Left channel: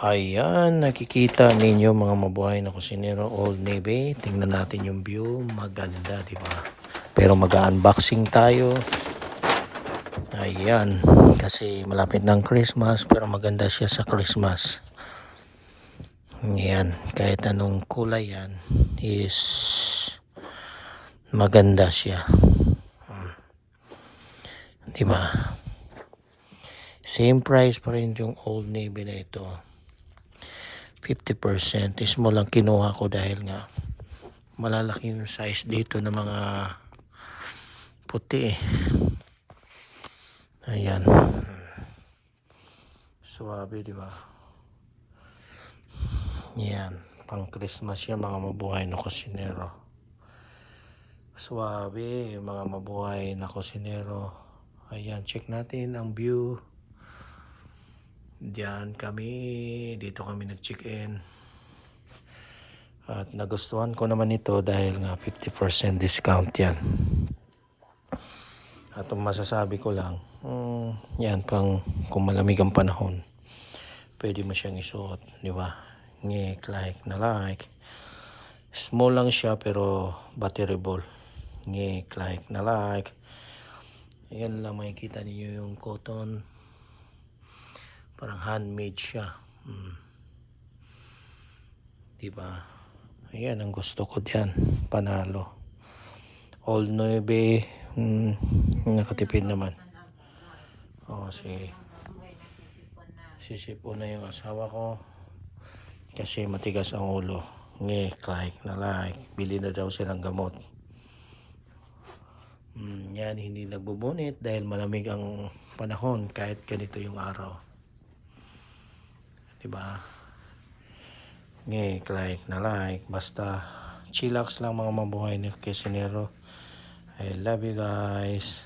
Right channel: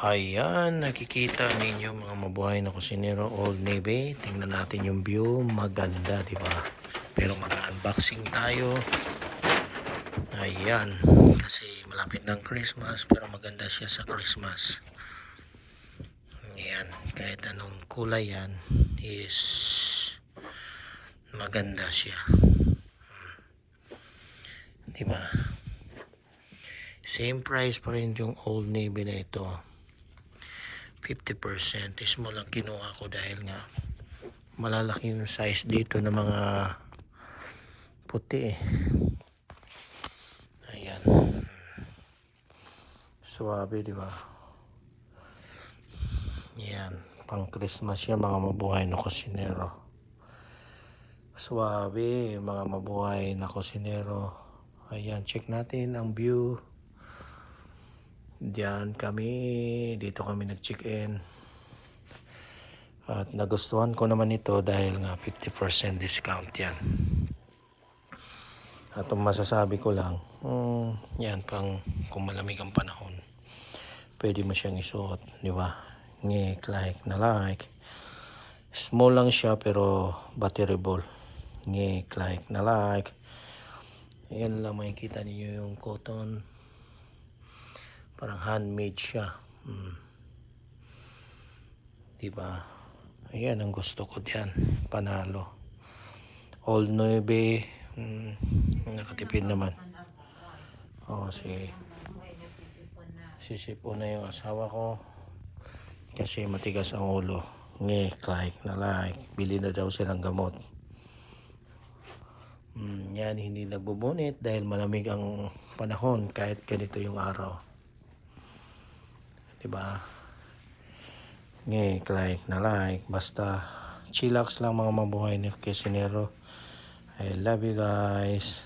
Ayan, nakikita ninyo mga mabuhay na kusinero, Old Navy. Tingnan natin yung view, maganda, di ba? Pero mag-unboxing tayo. Ayan, kasi malapit ng Christmas, pero maganda siya sa Christmas. Ayan, kahit anong kulay yan is maganda siya. Di ba? Same price pa rin yung Old Navy na ito. 50% small lang kinuha ko dahil nga malalaki yung size dito ng mga puti eh. Ayan, suwabe, di ba? Yan, pang Christmas yan mga mabuhay na kusinero. Suwabe mga mabuhay na kusinero. Ayan, check natin ang view. Diyan kami, dito kami nag-check-in. At nagustuhan ko naman ito dahil nga 50% discount yan. At ang masasabi ko lang, yan pang kung malamig ang panahon, pwede mo siyang isuot, di ba? Like na like. Small lang siya pero batteryable. Like na like. Ayan lang makikita niyo yung cotton. Parang handmade siya. Diba? Ayan ang gusto ko diyan. Panalo. Old Navy. Nakatipid naman. Sisipon na yung asawa ko. Kasi matigas ang ulo. Like na like. Bili na daw siya ng gamot. Yan, hindi nagbubunit dahil malamig ang panahon kahit ganito yung araw. Diba? Like na like. Basta chillax lang mga mabuhay ni kusinero. I love you guys.